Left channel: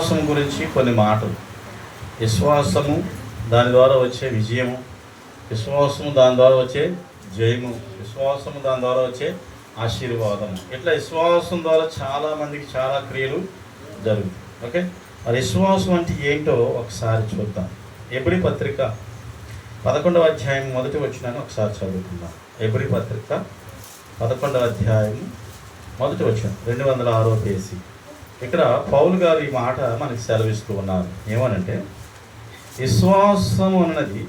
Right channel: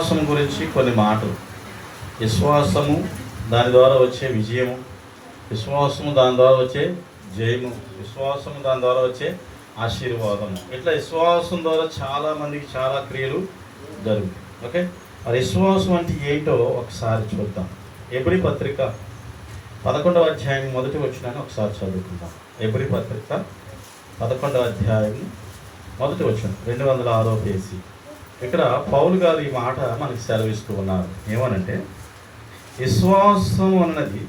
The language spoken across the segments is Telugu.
విశ్వాసం గురించి కొన్ని మాటలు. విశ్వాసము, దాని ద్వారా వచ్చే విజయము, విశ్వాసము దాని ద్వారా వచ్చే జయము, విశ్వాసము దాని ద్వారా వచ్చే ఆశీర్వాదము. ఇట్లా విశ్వాసం ద్వారా చాలామందికి చాలా క్రియలు జరుగుతాయి. ఓకే, మరి విశ్వాసం అంటే ఏంటో ఒకసారి చూద్దాం. ఎబ్రీ పత్రిక 11వ అధ్యాయం మొదటి వచనాన్ని ఒకసారి చదువుకుందాం. ఎబ్రీ పత్రిక 11వ అధ్యాయం మొదటి వచనం 206వ పేజీ. ఇక్కడ పౌలు గారు ఈ మాట మనకి సెలవిస్తూ ఉన్నారు. ఏమనంటే, విశ్వాసం అన్నది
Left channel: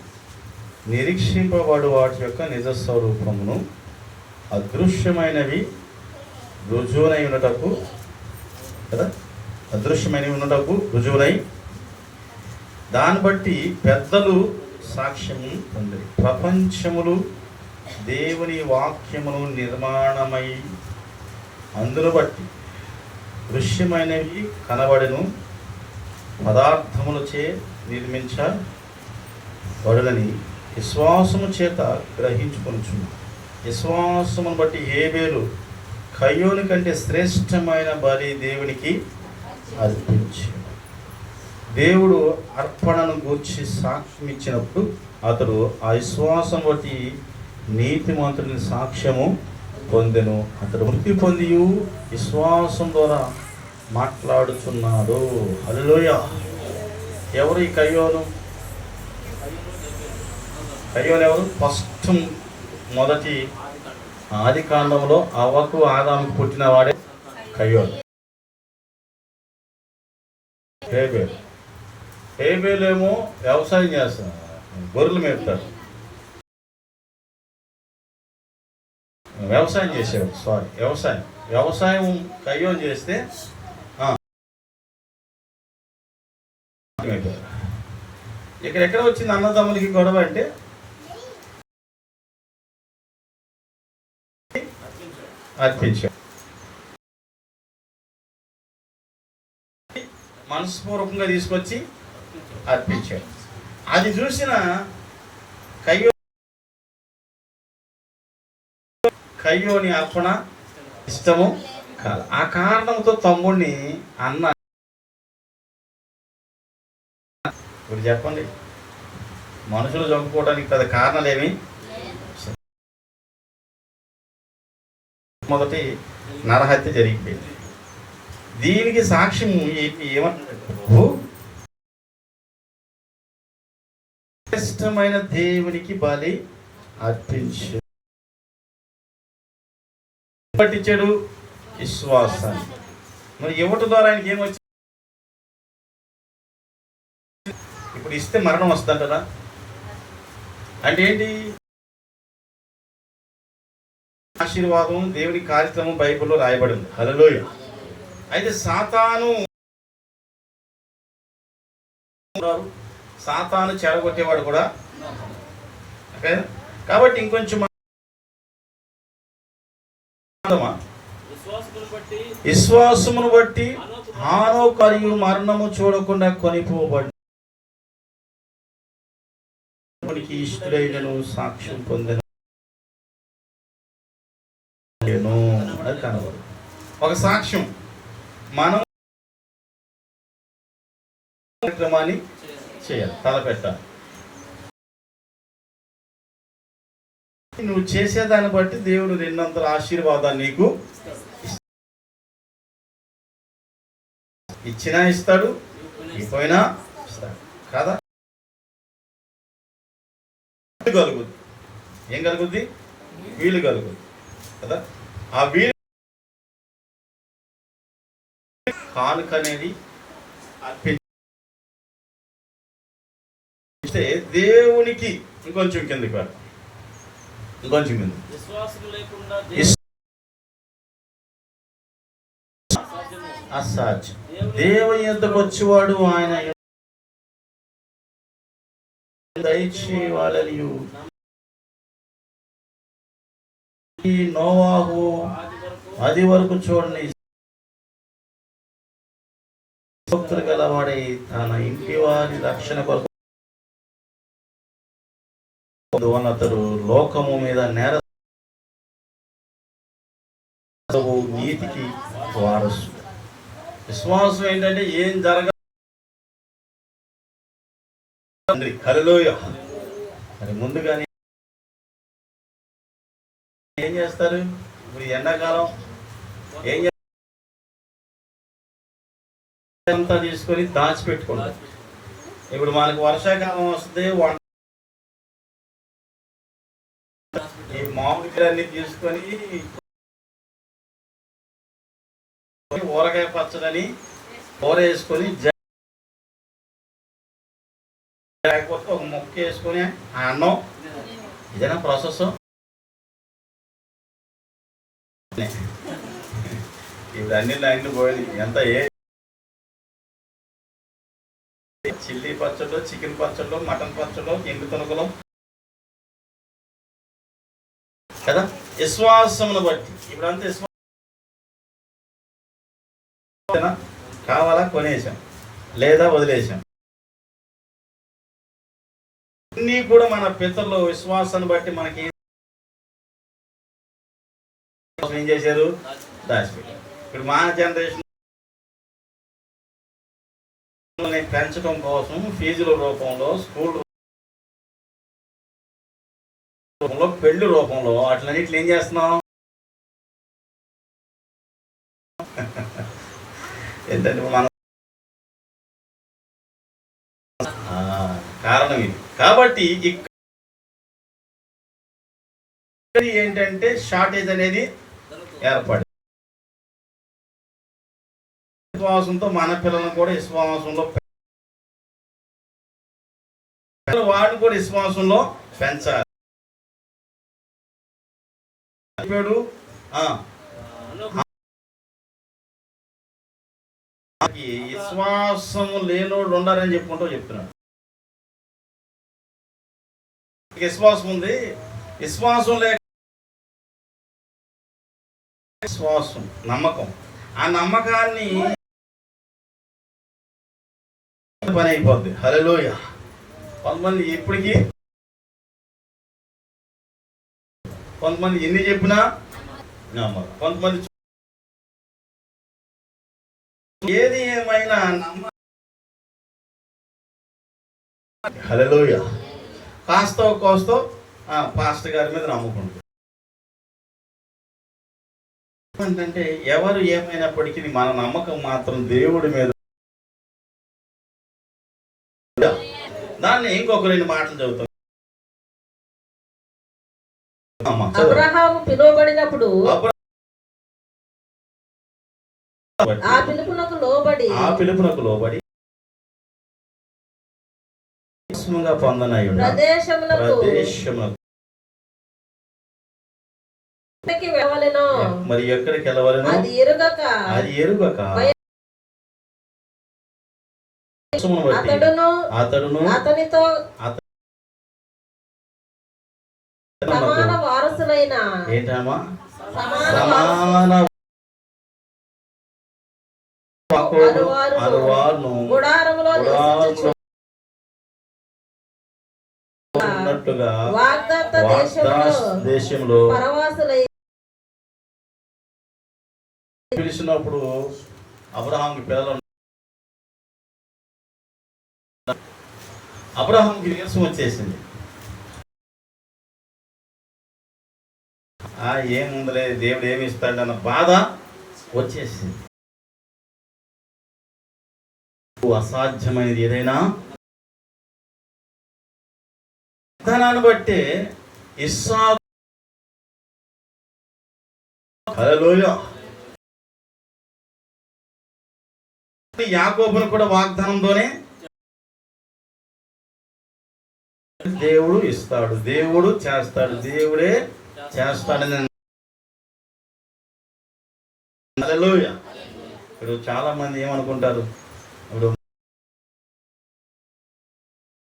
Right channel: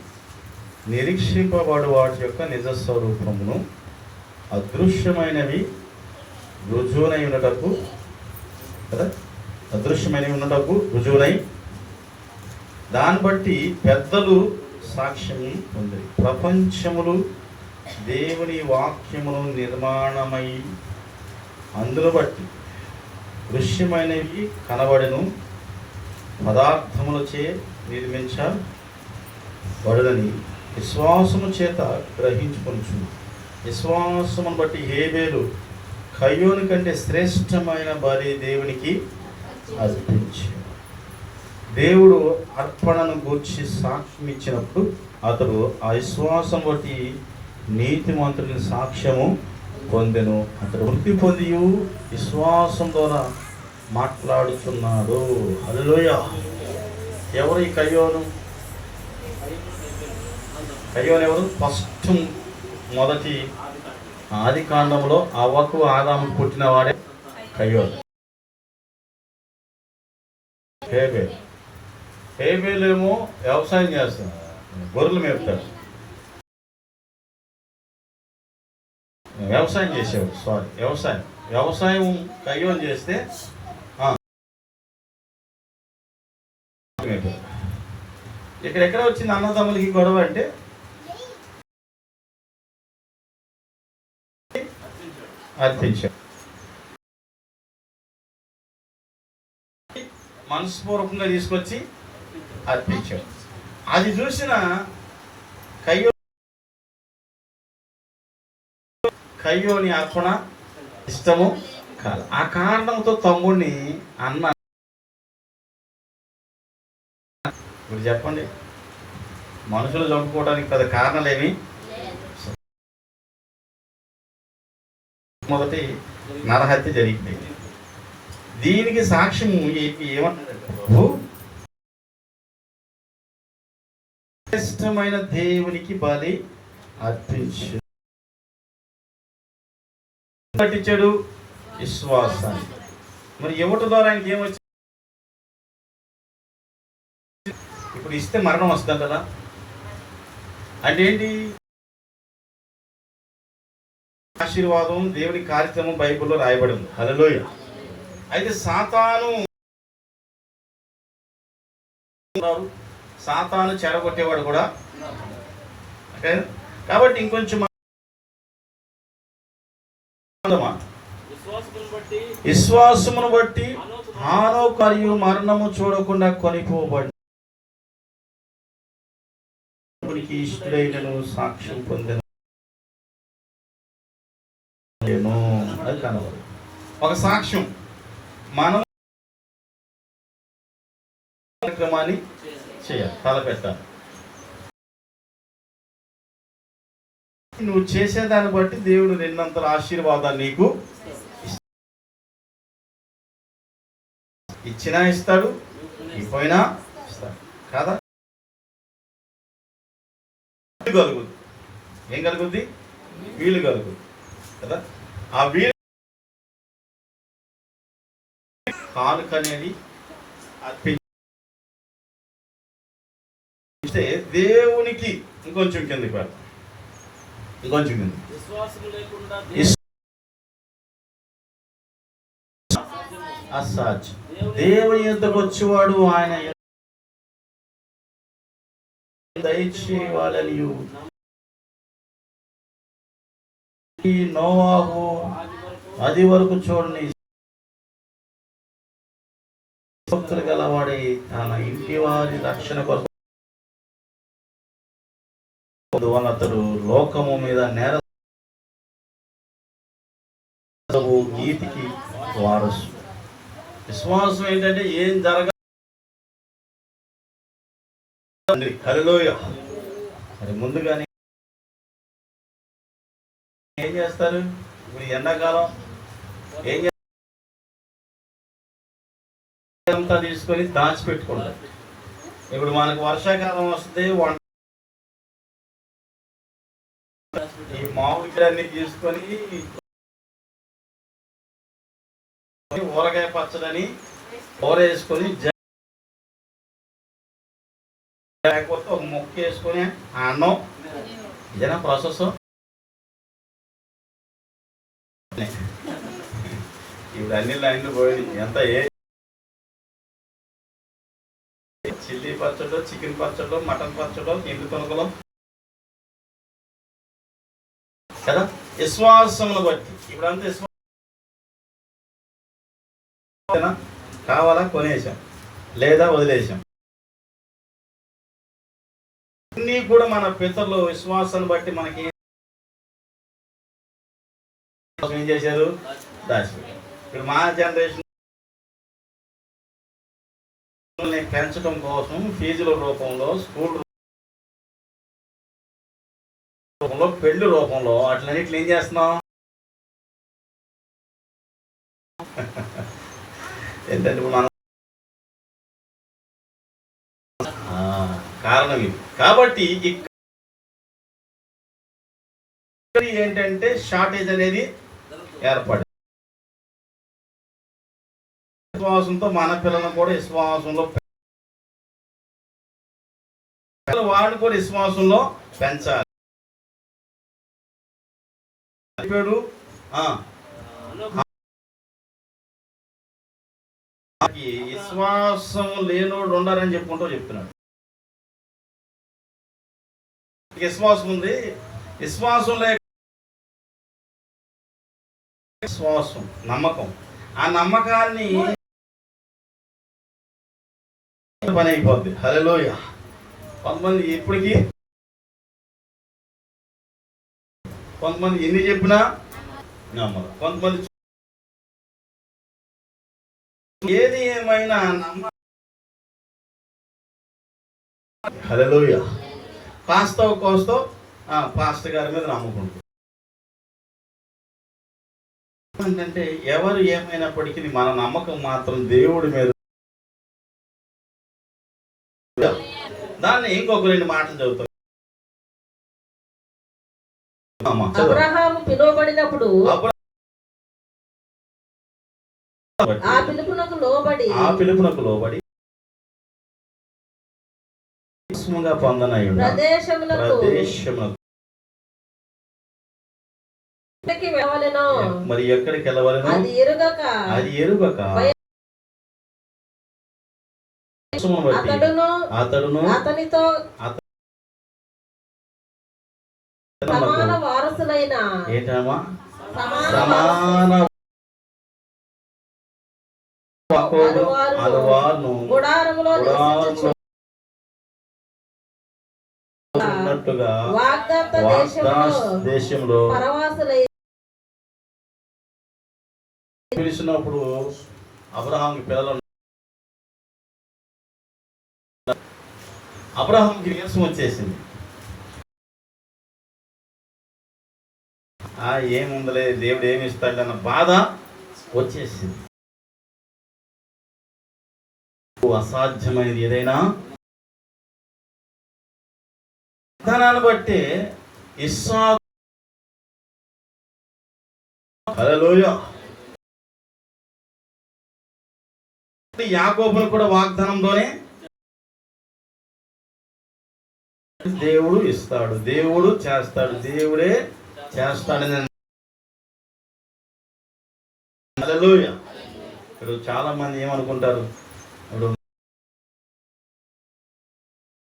నిరీక్షింపబడు వాటి యొక్క నిజ స్వరూపమును, అదృశ్యమైనవి రుజువునై ఉన్నటకు కదా, అదృశ్యమైనవి ఉన్నటకు రుజువునై, దాన్ని బట్టి పెద్దలు సాక్ష్యం ఉంది. ప్రపంచములు దేవుని వాక్యమును నిర్మాణమై అందును బట్టి దృశ్యమైనవి కనబడను పదార్థములచే నిర్మించబడునని విశ్వాసము చేత గ్రహించుకొనుచును. విశ్వాసమును బట్టి హేబేలు కయ్యోని కంటే శ్రేష్టమైన బలి దేవునికి అర్పించాడు. దేవుడు అర్పణను గూర్చి సాక్ష్యం ఇచ్చినప్పుడు అతడు ఆ విశ్వాసం బట్టి నీతిమంతుని సాక్ష్యము పొందెను. అతడు మృతి పొంది విశ్వాసం ద్వారా మాట్లాడుచున్నాడు. హల్లెలూయా. ఎవరు ఈ కయ్యోను? కయ్యోను ఎవరు? ఫస్ట్ మొదటి ఆది కాండంలో అవ్వకు ఆదాముకు పుట్టినవాడే కయ్యోను. హేబేలేమో వ్యవసాయం చేస్తాడు, గొర్రెలు మేపుతాడు, వ్యవసాయం చేసేవాడు. వ్యవసాయం కయ్యోను చేస్తే ఇక్కడ ఎక్కడ వచ్చింది అన్నదమ్ములకి గొడవ అంటే, అర్పించాడు. మనస్పూర్వకంగా తీసుకొచ్చి అర్పించాడు. అది చూసిన కయ్యోని అర్పణ ఇష్టము కాదు. ఆ కారణంతో తమ్ముడిని అన్న. ఇప్పుడు చెప్పండి, మనుషులు చంపుకోవడానికి పెద్ద కారణాలేమి? మొదటి నరహత్య జరిగిపోయింది. దీనికి సాక్ష్యం ఏమంటారు? ప్రభు శ్రేష్టమైన దేవునికి బలి అర్పించు. పట్టించాడు విశ్వాసాన్ని. మరి ఇవ్వటం ద్వారా ఆయనకి ఏమొచ్చింది? ఇప్పుడు ఇస్తే మరణం వస్తుంది కదా. అంటే ఏంటి? ఆశీర్వాదం, దేవుని కార్యక్రమం బైబిల్లో రాయబడి ఉంది. హల్లెలూయా. అయితే సాతాను చెడగొట్టేవాడు కూడా. కాబట్టి ఇంకొంచెం విశ్వాసమును బట్టి హానోకు మరియు మరణము చూడకుండా కొనిపోబడికి ఇష్టడైనను సాక్ష్యం పొందెను. కనబడు ఒక సాక్ష్యం. మనం కార్యక్రమాన్ని చేయాలి, తలపెట్టాలి. నువ్వు చేసేదాన్ని బట్టి దేవుడు నిన్నంతల ఆశీర్వాదాన్ని నీకు ఇచ్చినా ఇస్తాడు, ఇపోయినా ఇస్తాడు కాదా? కలుగుద్ది. ఏం కలుగుద్ది? వీలు కలుగుద్ది కదా. ఆ వీలు కానుక అనేది అర్పిస్తే దేవునికి ఇంకొంచెం కిందకి వెళ్తాం. ఇంకొంచెం కింద అసాధ్యం. దేవుని యొద్దకు వచ్చేవాడు ఆయన దయచేయాలని నోవాహు అది వరకు చూడని భక్తులు గలవాడై తన ఇంటి వారి రక్షణ కొరకు అతడు లోకము మీద నేర నీతికి వారసు. విశ్వాసం ఏంటంటే ఏం జరగ హల్లెలూయా. మరి ముందుగానే ఏం చేస్తారు? ఇప్పుడు ఎండాకాలం ఏం అంతా తీసుకొని దాచిపెట్టుకుంటారు. ఇప్పుడు మనకు వర్షాకాలం వస్తే ఈ మామిడికాయలన్నీ తీసుకొని ఊరగాయ పచ్చడని కూర వేసుకొని లేకపోతే ఒక ముక్క వేసుకొని అన్నం ఇదేనా ప్రాసెస్. ఇప్పుడు అన్ని లైన్లు పోయినాయి. ఎంత చిల్లీ పచ్చళ్ళు, చికెన్ పచ్చళ్ళు, మటన్ పచ్చళ్ళు, ఎండు తొనకలు కదా. విశ్వాసమును బట్టి ఇప్పుడంతా కావాలా కొనేసాం లేదా వదిలేసాం. అన్నీ కూడా మన పితరులు విశ్వాసాన్ని బట్టి మనకి ఏం చేశారు? దాచిపెట్టారు. ఇప్పుడు మా జనరేషన్ పెంచడం కోసం ఫీజుల రూపంలో, స్కూల్ రూపంలో, పెళ్లి రూపంలో అట్లన్నిట్లు ఏం చేస్తున్నాం? ఏంటంటే మన కారణం ఇది. కాబట్టి ఇక్కడ ఏంటంటే షార్టేజ్ అనేది ఏర్పడింది. విశ్వాసంతో మన పిల్లలను కూడా విశ్వాసంలో, వాడిని కూడా విశ్వాసంలో పెంచాలి. విశ్వాసం లేనోడు ఉండాలని చెప్తున్నాడు. విశ్వాసం ఉంది, విశ్వాసం లేక విశ్వాసం నమ్మకం, ఆ నమ్మకాన్ని పని అయిపోద్ది. హల్లెలూయా. కొంతమంది ఇప్పటికీ కొంతమంది ఎన్ని చెప్పినా నమ్మరు. కొంతమంది ఏది ఏమైనా నమ్మ. హల్లెలూయా. కాస్తో కోస్తో పాస్టర్ గారి మీద నమ్ముకుంటారు. ఏంటంటే ఎవరు ఏమైనప్పటికీ మన నమ్మకం మాత్రం దేవుడి మీద. దాన్ని ఇంకొక 2 మాటలు చదువుతాం. అబ్రహాము పిలువబడినప్పుడు ఆ పిలుపునకు లోబడి పొందనయుడు మరి ఎక్కడికి వెళ్ళవలెను అది ఎరుగక అతడును అతనితో సమాన వారసులైన ఏంటమ్మా సమాన గుడారములో ఉన్నట్టుగా వాగ్దాత దేశంలో పరవాసులై పిలిచినప్పుడు అబ్రహాంకి పిల్లలు. అబ్రహాంకి నీరసం వచ్చేసింది. ఏముందలే దేవుడు ఏమి ఇస్తాడన్న బాధ వచ్చేసింది. అసాధ్యమైనది ఏదైనా విధానాన్ని బట్టి ఇస్సాకు హల్లెలూయా యాకోబును కూడా వాగ్దానంతోనే దేవుడు ఇస్తాడు, దేవుడు చేస్తాడు, దేవుడే చేస్తాడని. హల్లెలూయా. ఇప్పుడు చాలా మంది ఏమనుకుంటారు, ఇప్పుడు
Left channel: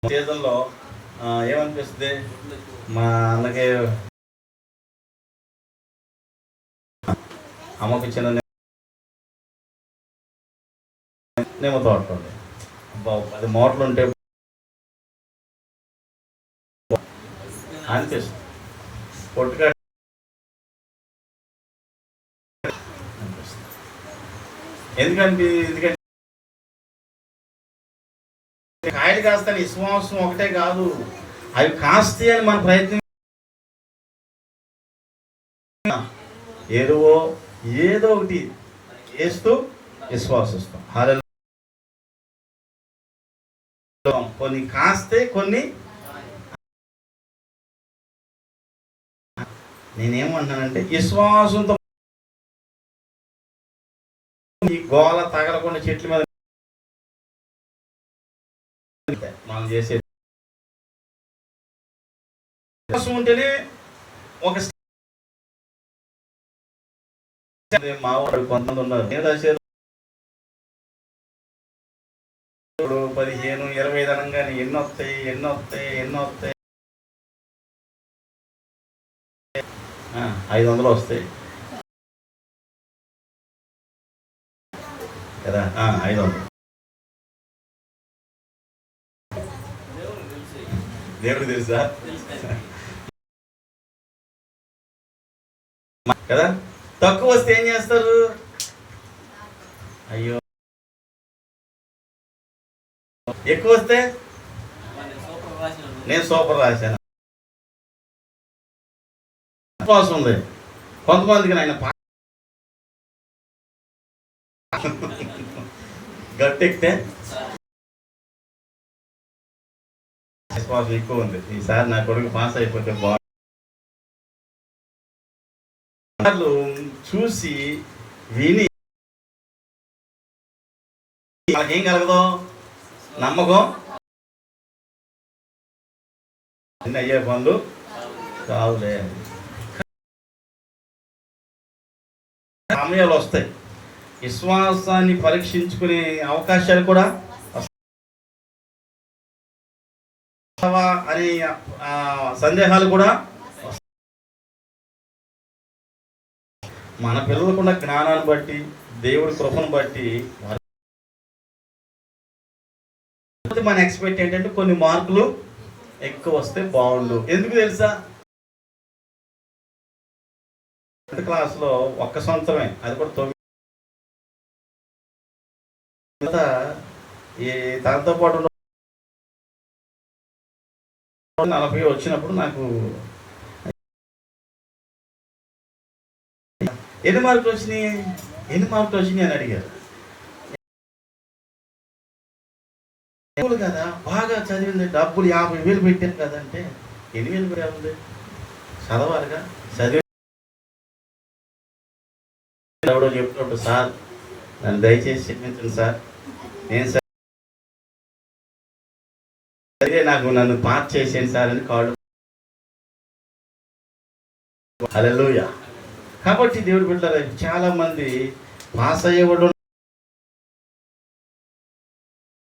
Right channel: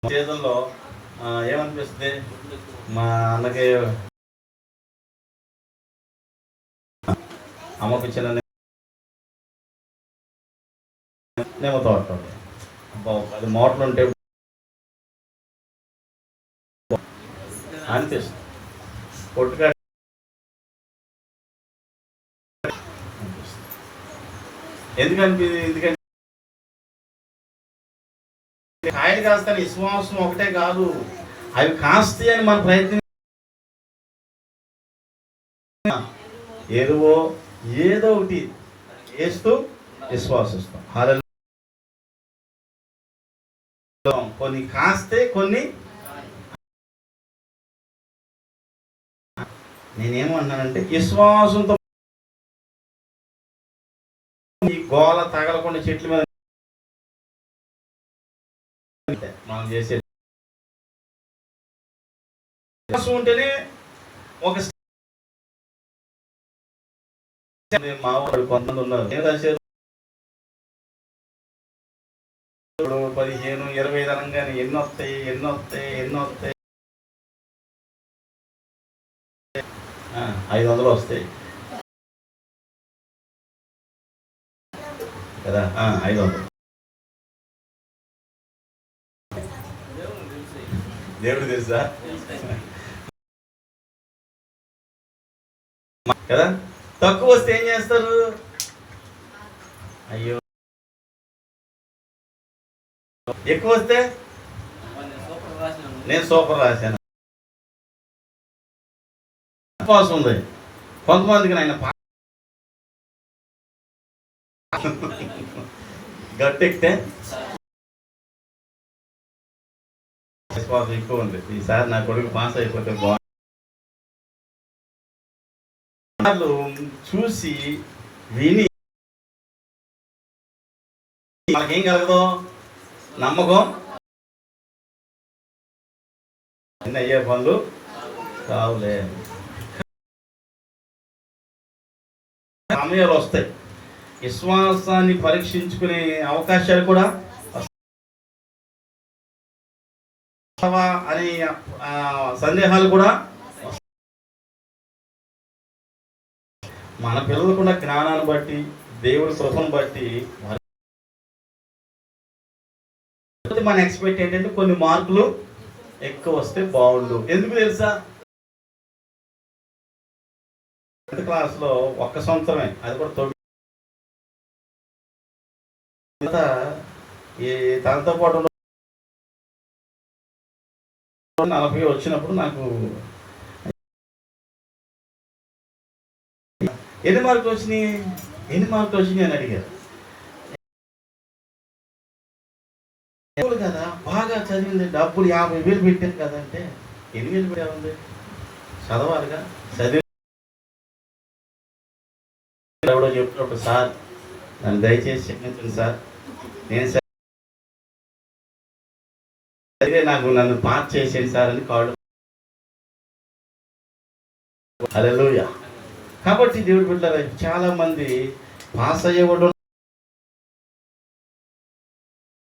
చేతుల్లో ఏమనిపిస్తుంది, మా అన్నకి అమ్మకు చిన్న నేమో తోటండి, 10 మోటార్లు ఉంటే అనిపిస్తుంది. పొట్టుగా ఎందుకంటే కాయలు కాస్తాను విశ్వాసం ఒకటే కాదు, అవి కాస్తాయి అని మన ప్రయత్నం. ఎరువో ఏదో ఒకటి వేస్తూ విశ్వాసిస్తాం. హల్లెలూయా. కొన్ని కాస్తే కొన్ని. నేనేమంటున్నానంటే విశ్వాసంతో ఈ గోల తగలకుండా చెట్ల మీద మనం చేసే విశ్వాసం ఉంటేనే ఒక మా వాడు కొంతమంది ఉన్నారు, నేను రాశారు 15, 20 అనగానే ఎన్ని వస్తాయి 500 వస్తాయి కదా. 500 దేవుడు తెలుసా కదా. తక్కువ వస్తే ఏం చేస్తారు? అయ్యో. ఎక్కువ వస్తే నేను సూపర్ రాశాను విశ్వాసం ఉంది. కొంతమందికి ఆయన గట్టెక్కితే విశ్వాసం ఎక్కువ ఉంది. ఈసారి నా కొడుకు పాస్ అయిపోతే బాగుంది చూసి విని వాళ్ళకేం కలగదు? నమ్మకం. అన్ని అయ్యే పనులు కావులే. సమయాలు వస్తాయి, విశ్వాసాన్ని పరీక్షించుకునే అవకాశాలు కూడా అని సందేహాలు కూడా. మన పిల్లలకున్న జ్ఞానాన్ని బట్టి, దేవుడి కృపను బట్టి మన ఎక్స్పెక్ట్ ఏంటంటే కొన్ని మార్కులు ఎక్కువ వస్తే బాగుండు. ఎందుకు తెలుసా? 10th క్లాస్లో 1 సంవత్సరమే, అది కూడా 9. ఈ తనతో పాటు 40 వచ్చినప్పుడు నాకు ఎన్ని మార్కులు వచ్చినాయి అని అడిగారు. కదా బాగా చదివింది, డబ్బులు 50,000 పెట్టారు కదంటే 8,000 పెట్టాలండి, చదవాలిగా. చదివి ఎవడో చెప్తున్నప్పుడు, సార్ నన్ను దయచేసి క్షమించండి సార్, నేను సరే నన్ను పాస్ చేసేయండి సార్ అని కాళ్ళు. హల్లెలూయా. కాబట్టి దేవుడు బిడ్డలారా, చాలా మంది పాస్ అయ్యేవాడు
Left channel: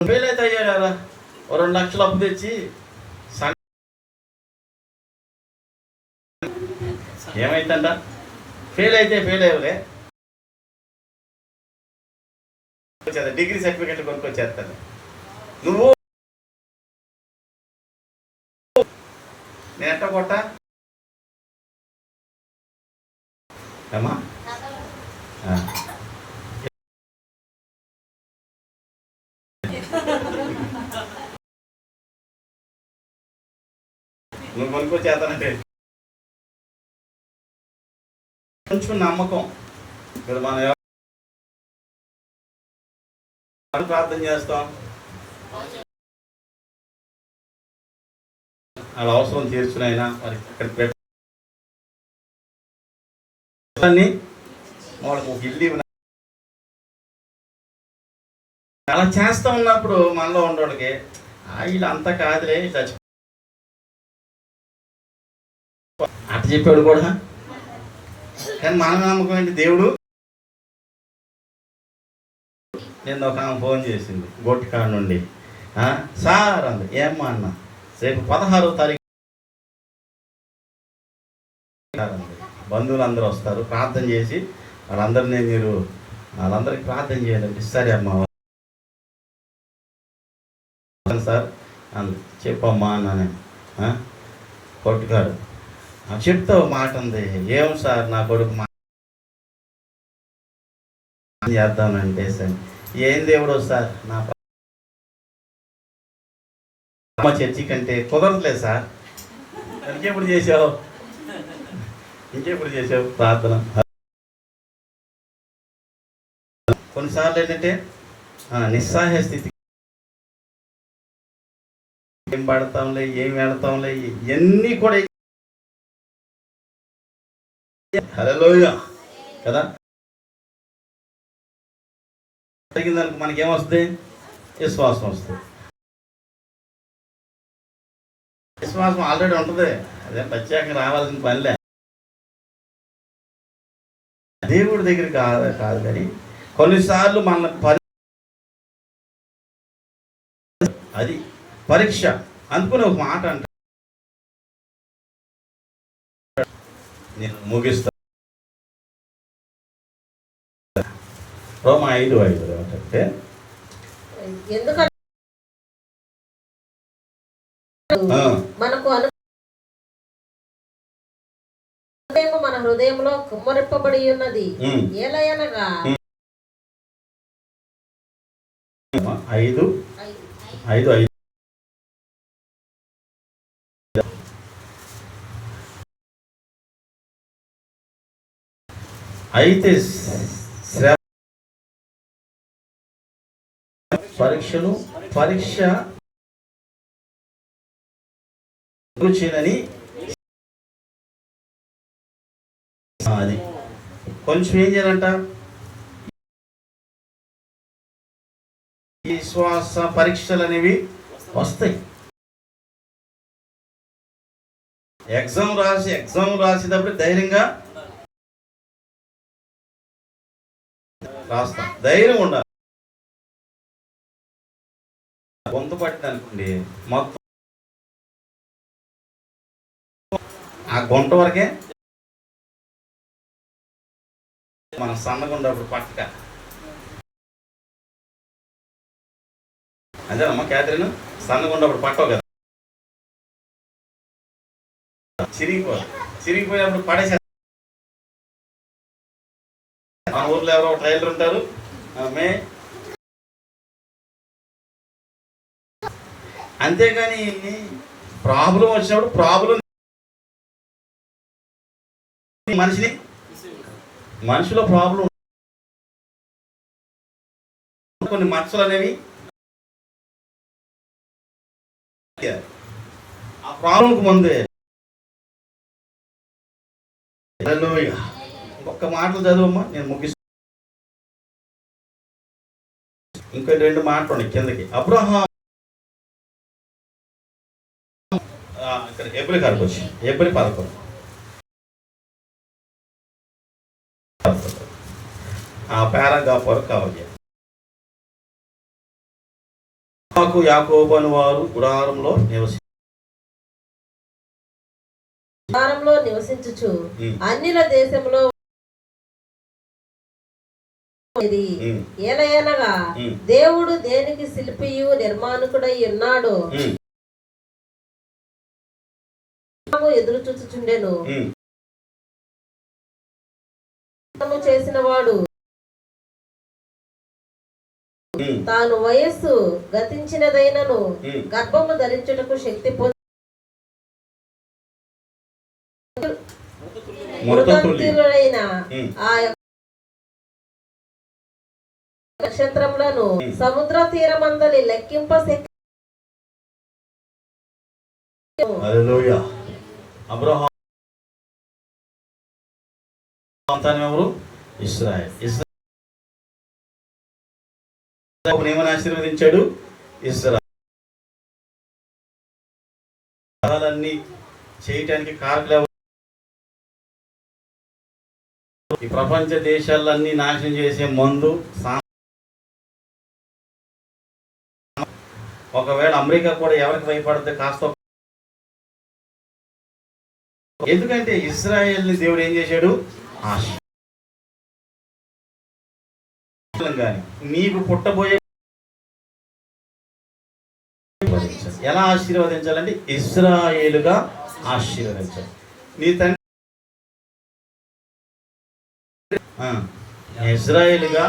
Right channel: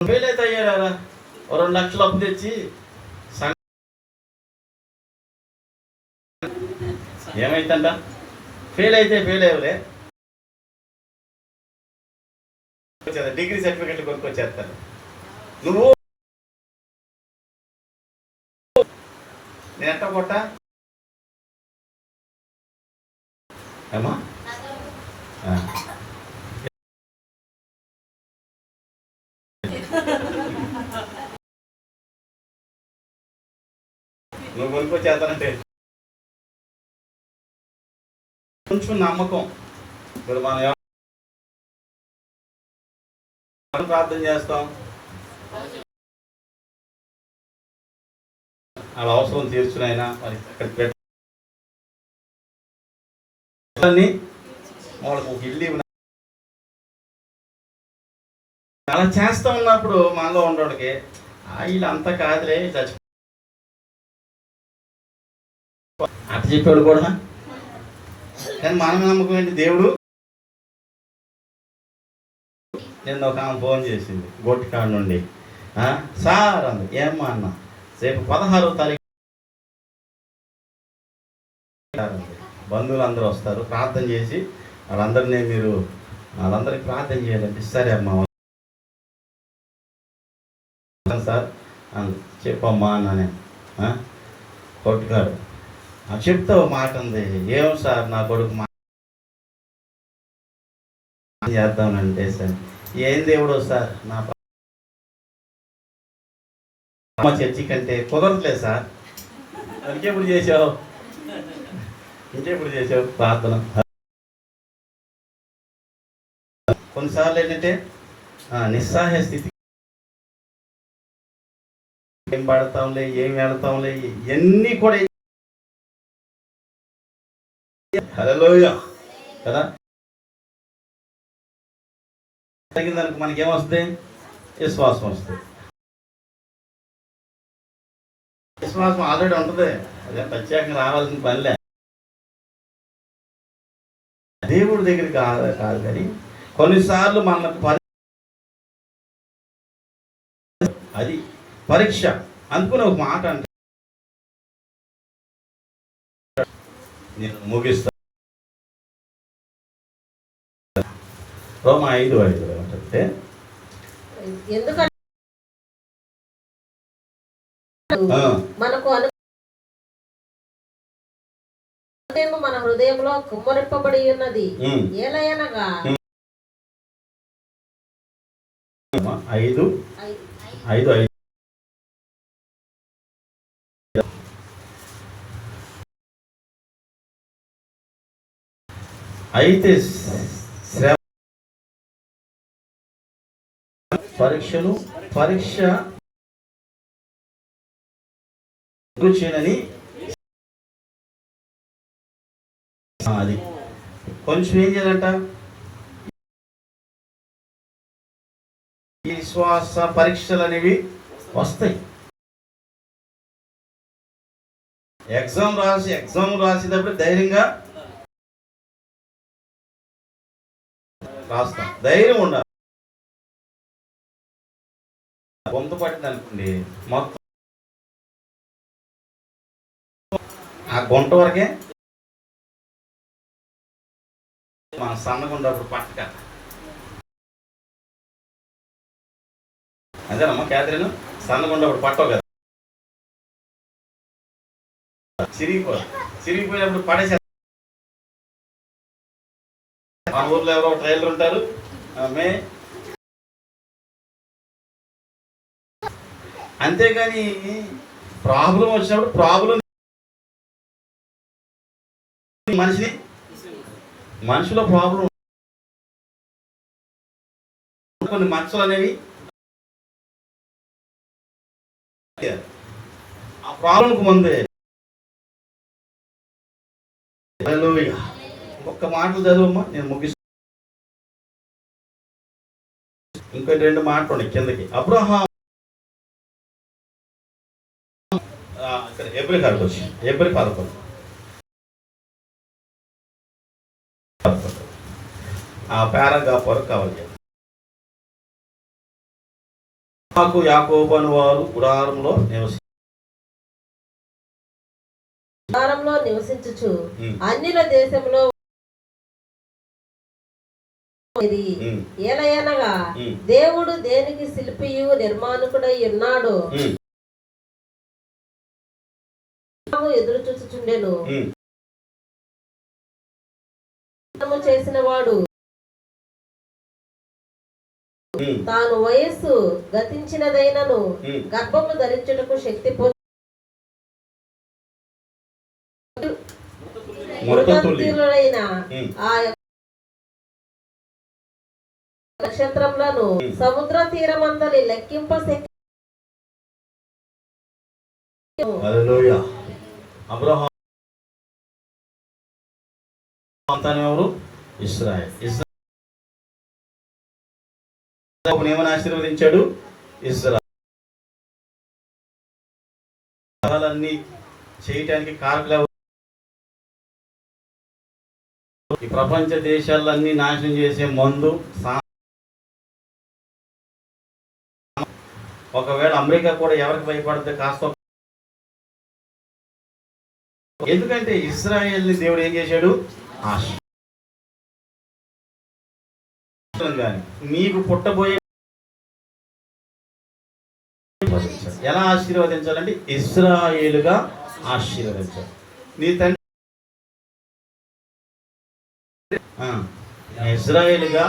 ఫెయిల్ అయితే అయ్యారా, 2 లక్షలు అప్పు తెచ్చి ఏమైతుంట? ఫెయిల్ అయితే ఫెయిల్ అయ్యలే, డిగ్రీ సర్టిఫికెట్లు కొనుక్కొచ్చేస్తాను. నువ్వు నేను ఎట్ట కొట్ట ఏమా నువ్వు కొనుక్కొచ్చేస్తానంటే కొంచెం నమ్మకం. ఇప్పుడు మనం ప్రార్థన చేస్తాం, వాళ్ళ అవసరం తీర్చునైనా మరి అక్కడ వాళ్ళకు ఒక ఇల్లు. అలా చేస్తూ ఉన్నప్పుడు మనలో ఉండోడికి వీళ్ళు అంతా కాదులే చచ్చి అట్ట చెప్పాడు కూడా. కానీ మన నమ్మకం ఏంటి? దేవుడు. నేను ఒక ఆమె ఫోన్ చేసింది గొట్టికాడ నుండి, సార్ అంది. ఏమ్మా అన్న, రేపు 16వ తారీఖు బంధువులు అందరూ వస్తారు, ప్రార్థన చేసి వాళ్ళందరికీ ప్రార్థన చేయాలంటే. సరే అమ్మా సార్ చెప్పమ్మా అన్నానే. కొట్టుకాడు చెప్తావు మాట ఉంది. ఏం సార్ నా కొడుకు చేద్దామంటే సార్, ఏం దేవుడు సార్ నా అమ్మ చర్చి కంటే కుదరట్లేదు సార్. ఇంకెప్పుడు చేసావు ప్రార్థన? కొన్నిసార్లు ఏంటంటే నిస్సహాయ స్థితి, ఏం పడతాంలే, ఏం వెళతాంలే, ఇవన్నీ కూడా హల్లెలూయా కదా. జరిగిందానికి మనకేమొస్తుంది? విశ్వాసం వస్తుంది. విశ్వాసం ఆల్రెడీ ఉంటుంది, అదే ప్రత్యేకంగా రావాల్సిన పనిలే. దేవుడి దగ్గరికి కాదు కానీ కొన్నిసార్లు మన అది పరీక్ష అనుకుని ఒక మాట అంటే నేను ముగిస్తా. రోమా 5:5 ఏమంటే, ఎందుకంటే మనకు మన హృదయంలో కుమ్మరింపబడి ఉన్నది. ఏలయనగా 5:5 అయితే పరీక్ష చేయని అది కొంచెం ఏం చేయాలంట, ఈ శ్వాస పరీక్షలు అనేవి వస్తాయి. ఎగ్జామ్ రాసేటప్పుడు ధైర్యంగా రాస్తాం, ధైర్యం ఉండాలి. గొంతు పట్టింది అనుకోండి, మొత్తం ఆ గొంత వరకే మన సన్నగా ఉన్నప్పుడు పట్టక. అంతేనమ్మా క్యాథరిన్? సన్నగా ఉన్నప్పుడు పట్టవు కదా, చిరిగిపోయినప్పుడు పడేసే. మా ఊర్లో ఎవరో ఒక టైలర్ ఉంటారు, అంతేగాని ప్రాబ్లం వచ్చినప్పుడు ప్రాబ్లం మనిషిలో ప్రాబ్లం, కొన్ని మచ్చలు అనేవి ఆ ప్రాబ్లంకు ముందే. ఒక్క మాటలు చదువమ్మా, నేను ముగిస్తాను. ఇంకో 2 మాటలు ఉన్నాయి కిందకి. అబ్రహాము ఇక్కడ ఎబ్రి కాడికి వచ్చి, ఎబ్రి 11 ఆ పారాగ్రాఫ్ వరకు కావాలి. యాకోబు అని వారు గుడారంలో నివసించుచు అన్యుల దేశంలో ఏలయనగా దేవుడు దేనికి శిల్పియు నిర్మాణకుడై ఉన్నాడు ఎదురు చూచుచుండెను. చేసిన వాడు తాను వయస్సు గతించినదైనను గర్భము ధరించుటకు శక్తి మృతులైన ఆ నక్షత్రములను సముద్ర తీరమందలి లెక్కింప అబ్రహాము సంతానం ఎవరు? ఇశ్రాయేలు. ఏమని ఆశీర్వదించాడు? ఇశ్రాయేలన్నీ చేయటానికి కారకులు ఎవరు? ఈ ప్రపంచ దేశాలన్నీ నాశనం చేసే మందు. ఒకవేళ అమెరికా కూడా ఎవరికి భయపడితే కాస్త, ఎందుకంటే ఇశ్రాయేల్ని దేవుడు ఏం చేశాడు? నీకు పుట్టబోయే ఎలా ఆశీర్వదించాలంటే ఇశ్రాయేలుగా ఆశీర్వదించాలి. నీ తండ్రి ఇశ్రాయేలుగా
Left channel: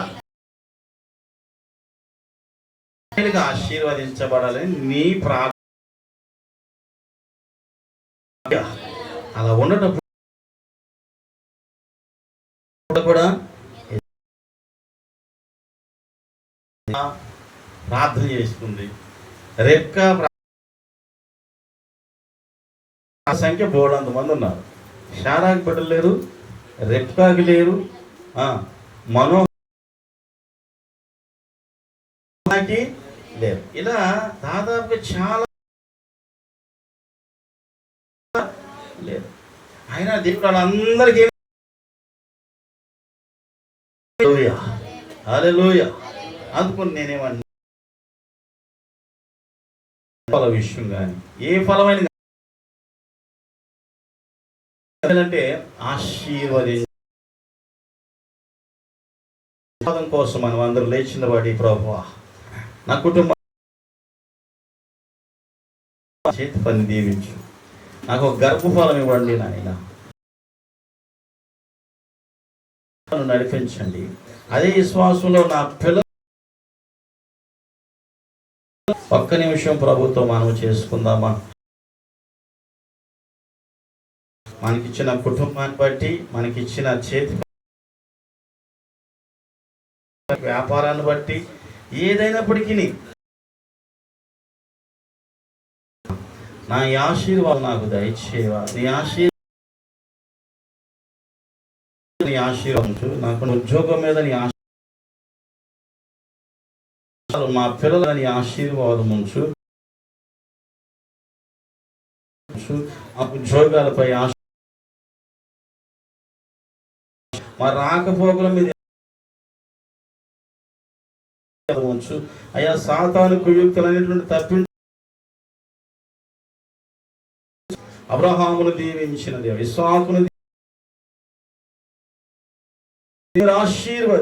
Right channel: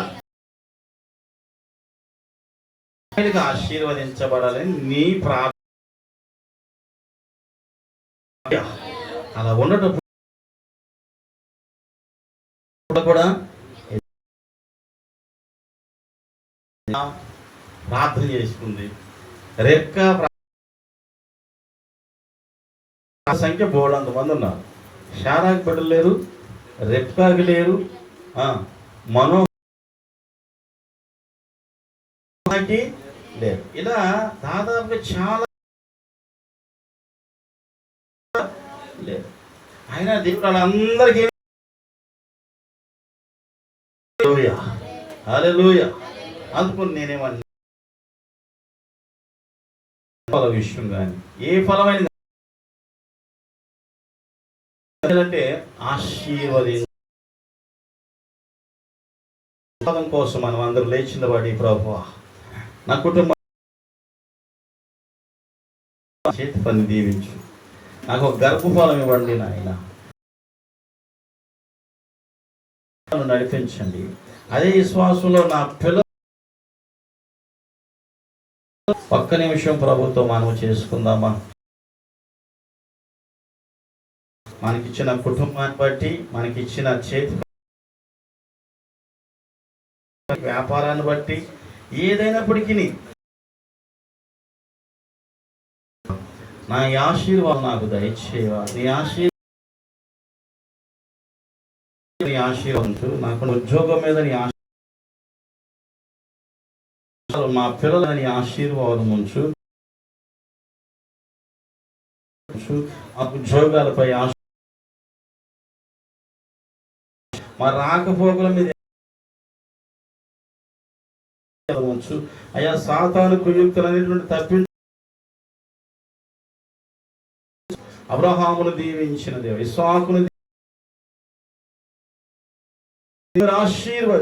ఆశీర్వదించబడాలని నీ ప్రార్థన. ఉండటప్పుడు కూడా ప్రార్థన చేసుకుంది. రెబ్కా ఆ సంఖ్య బోడంత మంది ఉన్నారు. షారాకి బిడ్డలు లేరు, రెబ్కాకి లేరు, మనోకి లేరు. ఇలా దాదాపుగా చాలా లేదు. అయినా దేవుడు వాళ్ళందరికీ హల్లెలూయా అందుకుని నేనేమన్నా విషయం కానీ ఏ ఫలమైన అంటే ఆశీర్వాదం కోసం మనం అందరూ లేచిన వాడి ప్రభువా నా కుటుంబం చేతి పని దీవించు, నాకు ఒక గర్భఫలం ఇవ్వండి నాయన, నడిపించండి. అదే విశ్వాసంలో నా పిల్లలు ఒక్క నిమిషం ప్రభుత్వం మనం చేసుకుందామా? మనకిచ్చిన కుటుంబాన్ని బట్టి, మనకిచ్చిన చేతి వ్యాపారాన్ని బట్టి, ఏదైనప్పటికీ నా ఆశీర్వాదం నాకు దయచేవా, నీ ఆశీర్వాదించు. నాకు ఉద్యోగం మీద నీ మా పిల్లల నీ ఆశీర్వాదం ఉంచు. మా ఉద్యోగాలపై మా రాకపోకల మీద ఉంచు అయ్యా. సాతాను కుయుక్తులన్నిటి తప్పించు. అబ్రహామును దీవించిన దేవుడు ఇస్సాకును ఆశీర్వది